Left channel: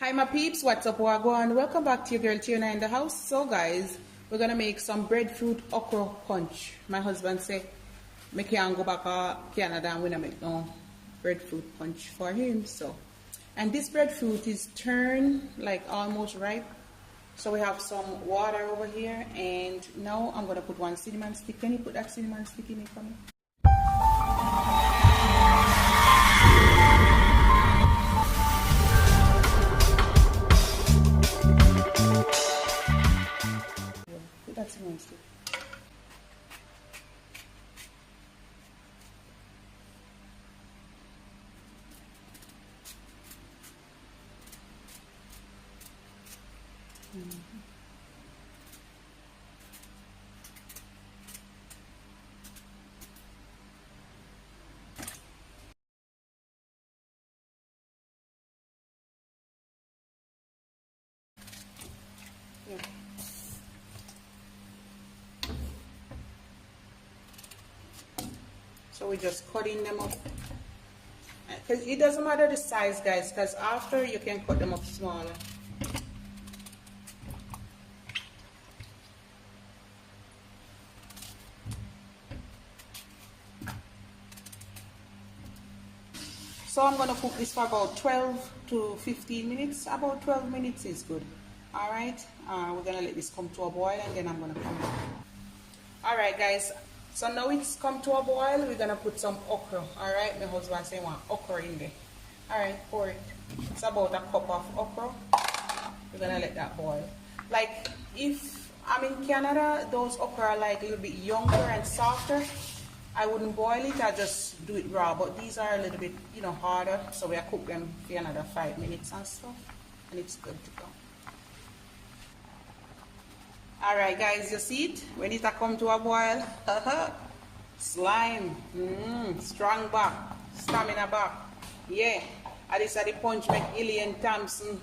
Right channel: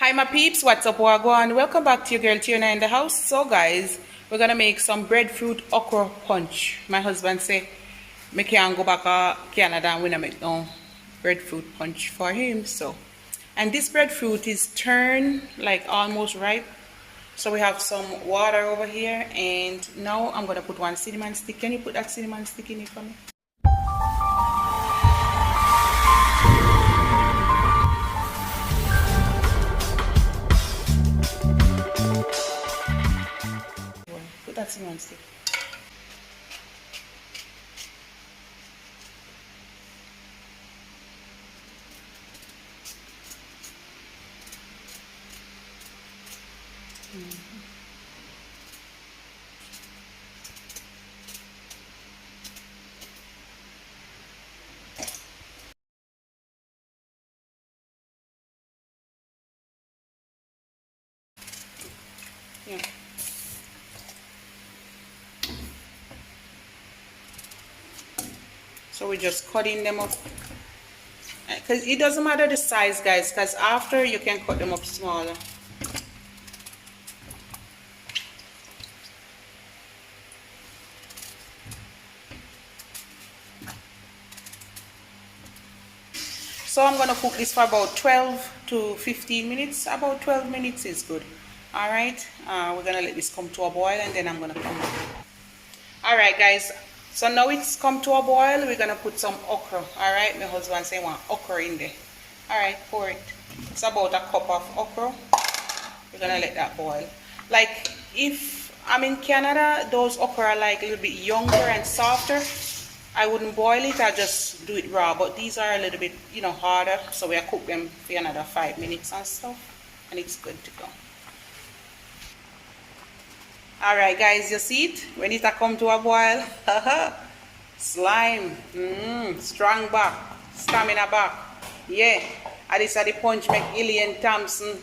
Hi my peeps, what's up, wagwan? Welcome back to your girl Tiona in the house. So guys, we're gonna make some breadfruit okra punch. My husband say me can't go back to Canada and we not make no breadfruit punch for him. And this breadfruit is turned like almost ripe. So we have some water over here, and now I'm gonna put one cinnamon stick. Can you put that cinnamon stick in it for me? Put that cinnamon stick. Yeah. So we're just cutting them up, because it doesn't matter the size, guys, because after you can cut them up smaller. So I'm going to cook this for about 12 to 15 minutes. About 12 minutes is good. Alright, we're going to let this come to a boil, and then I'm going to come back. Alright guys, so now it's come to a boil. We're going to put some okra. Alright, my husband say want okra in there. Alright, pour it. It's about a cup of okra. We're going to let that boil. Like, if I'm in Canada, those okra are like a little bit younger and softer. I wouldn't boil it, I just do it raw. But these are a little bit, harder. So we'll cook them for another 5 minutes and stuff. And it's good to go. Alright guys, you see it? When it come to a boil, slime, strong back, stamina back. Yeah, and this is the punch make Ilian Thompson,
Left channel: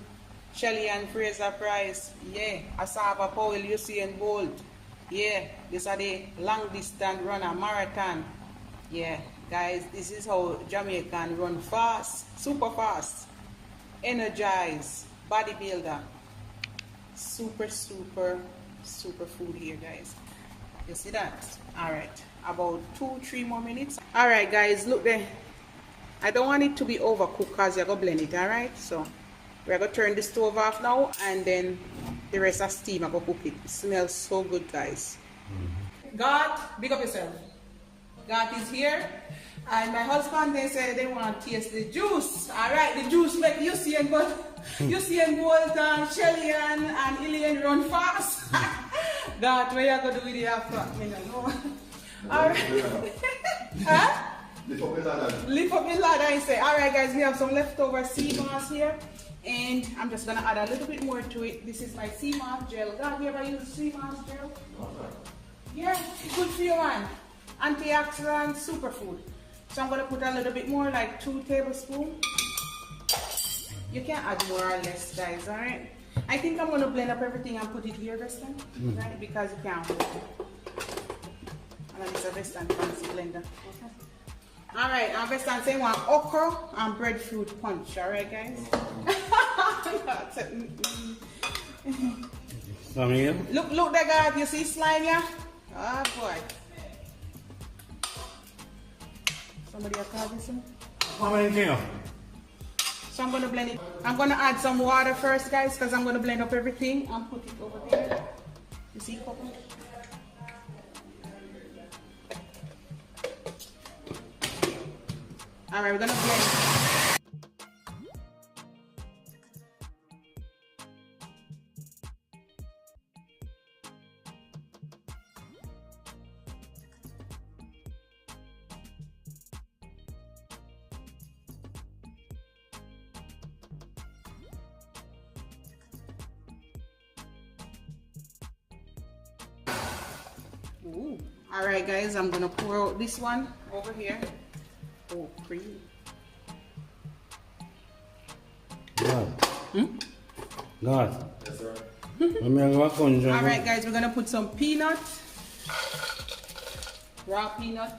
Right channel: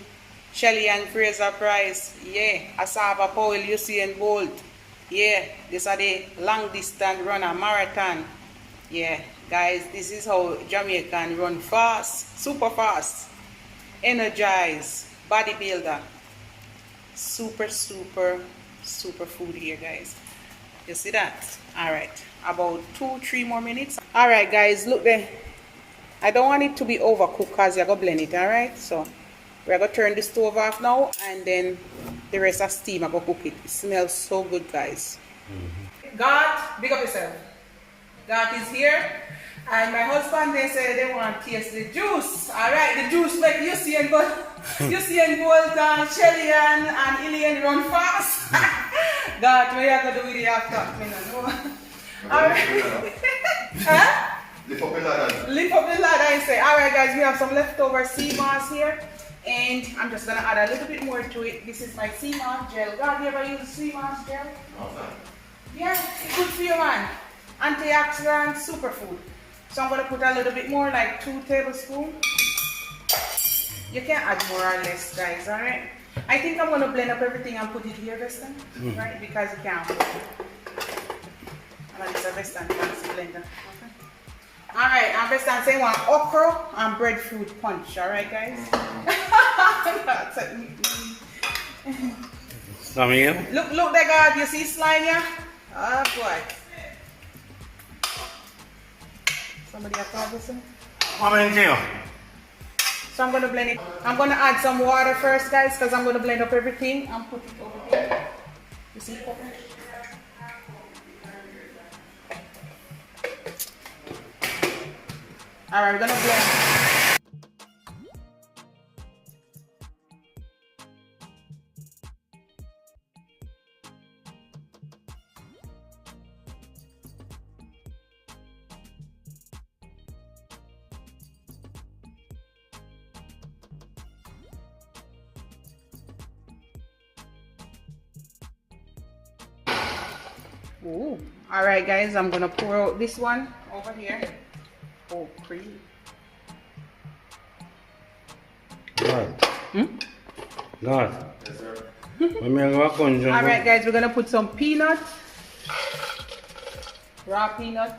Shelley and Fraser Price. Yeah, Asava Powell, Usain Bolt. Yeah, this are the long distance runner, marathon. Yeah, guys, this is how Jamaican run fast, super fast, energize, bodybuilder. Super food here, guys. You see that? All right, about 2-3 more minutes. All right guys, look there. I don't want it to be overcooked because you're gonna blend it. All right, so we're gonna turn the stove off now, and then the rest of steam I'm gonna cook it. It smells so good, guys. God, big up yourself. God is here, and my husband, they say they want to taste the juice. All right, the juice make Usain Bolt, and Shelley and Ilian run fast. God, what you gonna do with it after? Me no know. All right. Huh? Lift up the ladder. Lift up the ladder and say, all right, guys, we have some leftover sea moss here, and I'm just gonna add a little bit more to it. This is my sea moss gel. God, you ever use sea moss gel? No, no. Yeah, it's good for you, man. Antioxidant, superfood. So I'm gonna put a little bit more, like 2 tablespoons. You can add more or less, guys, all right? I think I'm gonna blend up everything and put it here, Weston, right? Because you can't. And it's a Weston fancy blender. Okay. All right, I'm Weston saying one okra and breadfruit punch, all right, guys? Look there, God, you see slime here? Oh boy. Somebody have to listen? So I'm going to blend it. I'm going to add some water first, guys, because I'm going to blend up everything and put it over here. You see it? Alright, we're going to blend. Ooh. All right, guys, I'm gonna pour out this one over here. Oh, cream. God. God. Yes, sir. All right, guys, we're gonna put some peanut, raw peanut.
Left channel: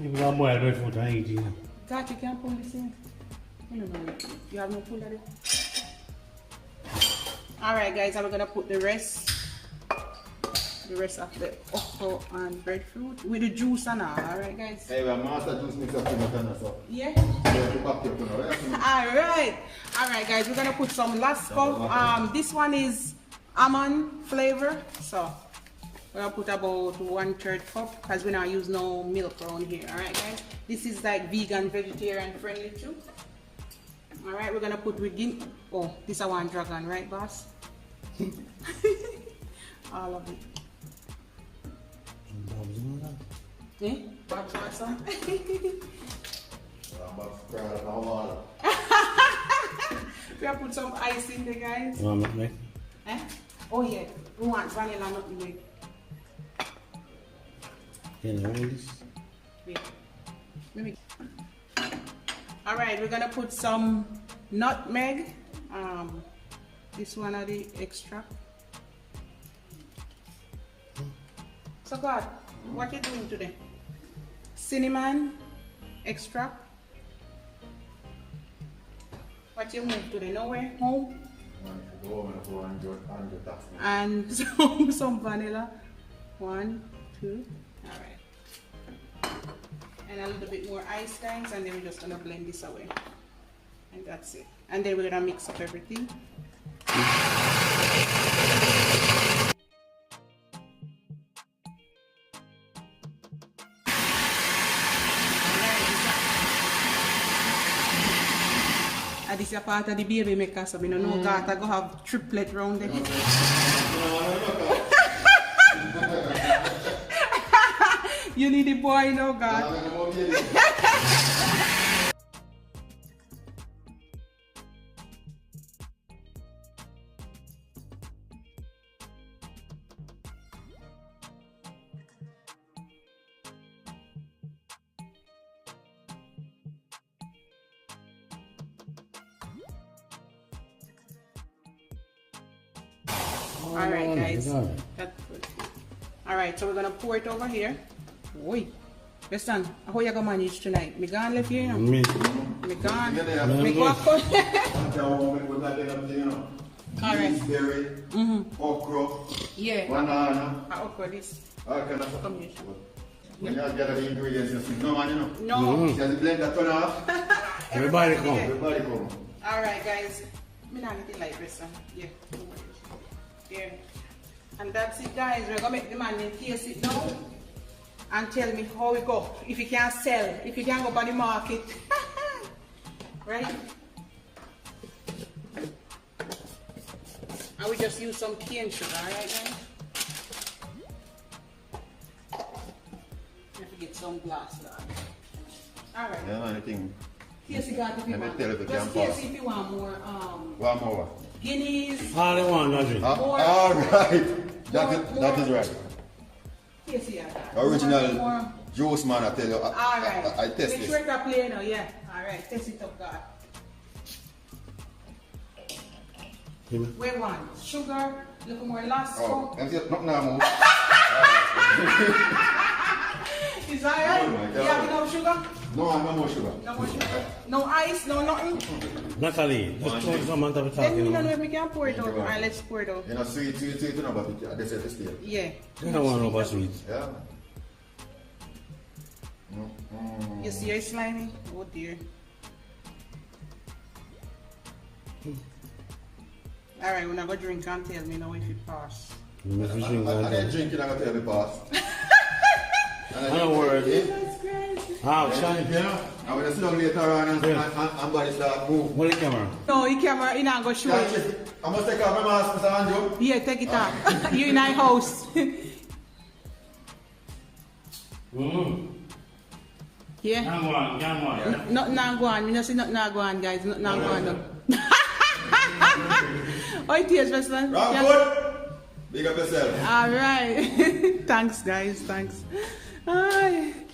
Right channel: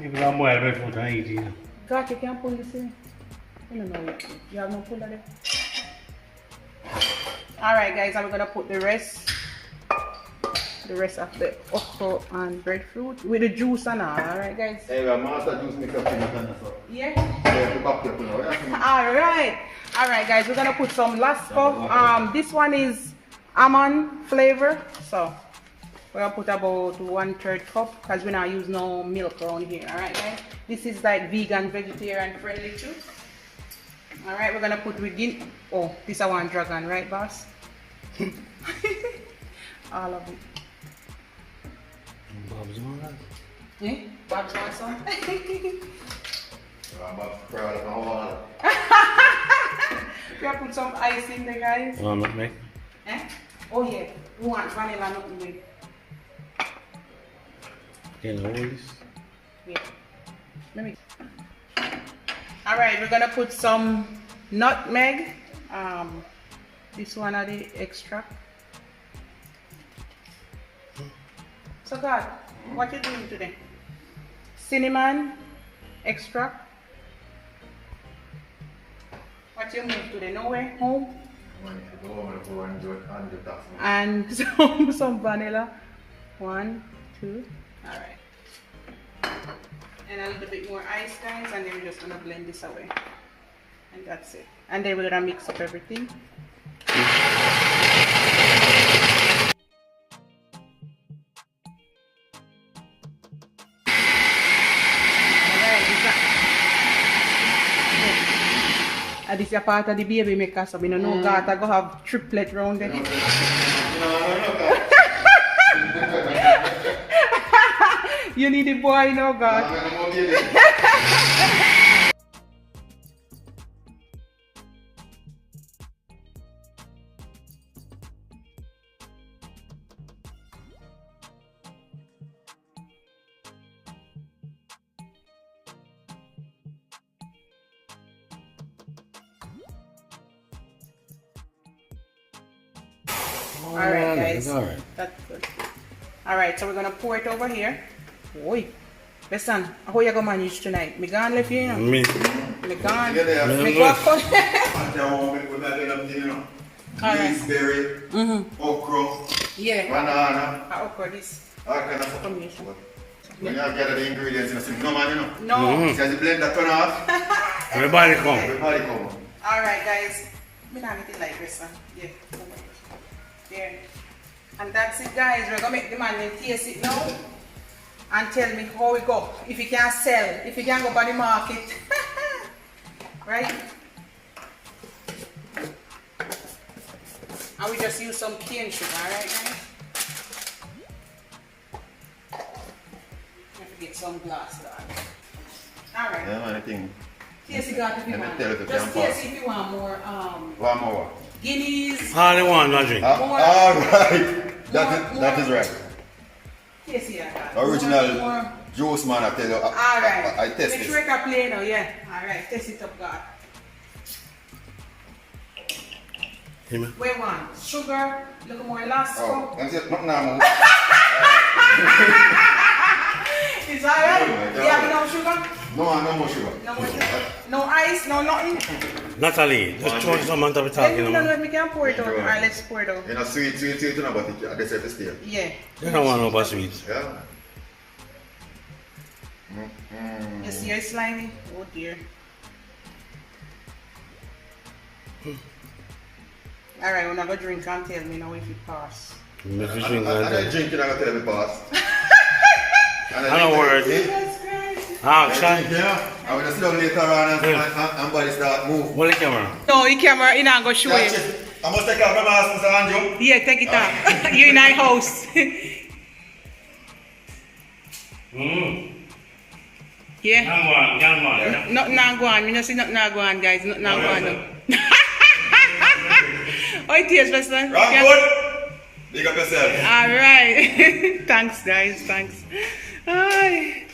People are boiled breadfruit and eat it. God, you can't put this in. You don't know. You have no puller there. Alright guys, and we're gonna put the rest of the okra and breadfruit with the juice and all. Alright guys? Hey, master juice mix up in the so. Yeah? Yeah, the cocktail, you know. Alright guys, we're gonna put some Lasco. This one is almond flavor. So we're gonna put about 1/3 cup because we not use no milk around here. Alright guys? This is like vegan, vegetarian friendly too. Alright, we're gonna put within. Oh, this I want dragon, right boss? All of it. Bob's on that. Yeah? Bob's want some? I'm about to cry the whole lot. We have put some ice in there, guys. Nutmeg. Eh? Oh yeah, we want vanilla nutmeg. Can you hold this? Yeah. Let me. Alright, we're gonna put some nutmeg. This one are the extra. So God, what you doing today? Cinnamon extract. What you move today? Nowhere? Home? And some vanilla. 1, 2. Alright. And a little bit more ice, guys, and then we're just gonna blend this away. And that's it. And then we're gonna mix up everything. And this is a part of the baby maker, so we don't know God I go have triplet round there. You need a boy, no God. Alright guys, that's good. Alright, so we're gonna pour it over here. Oi, listen, how you gonna manage tonight? Me gone left you, you know? Me gone. Me go up. Alright. Berry, okra, yeah. banana. Okra this. All kind of stuff. When you gather the ingredients in a soup, no man, you know? No. See as the blender turn off. Everybody come. Everybody come. Alright guys, me not get it like this, yeah. There. And that's it guys, we're gonna make the man taste it now and tell me how we go. If you can sell, if you can go by the market. Right? And we just use some cane sugar, alright guys? Have to get some glass dog. Alright. Yeah man, I think. Taste it God if you want. Just taste if you want more One more. Guineas. All they want, not drink. All right. That is right. Taste it Original more. juice man, I tell you. Alright. I test Make it. sure I play now, yeah. Alright, test it up God. Where one? Sugar, little more last Oh, I'm just not now. Is that right? Oh You have no sugar? No, no more sugar. No more sugar? No ice, no nothing? Natalie, just throw some on top of the Then you talking don't know about. if we can pour it out. Alright, let's pour it out. You know, sweet, you know, but it desert is still. Yeah. You don't want no bad sweets. Yeah. You see it's slimy? Oh dear. Alright, we're not gonna drink and tell me now if it pass. If you drink I that, drink it, I'm going to tell you pass. I don't worry. Jesus Christ. Ah, shine. Yeah, I'm going to sit down later on and body start move. Hold the camera. No, the camera, you not gonna show you. I must take off my mask, Mr. Andrew. Yeah, take it off. You're in our house. Yeah? Young man. Nothing not go on. You know see nothing not go on, guys. Nothing not go on. How it is, Preston? Rock good. Big up yourself. Alright. Thanks, guys. Thanks. Aye.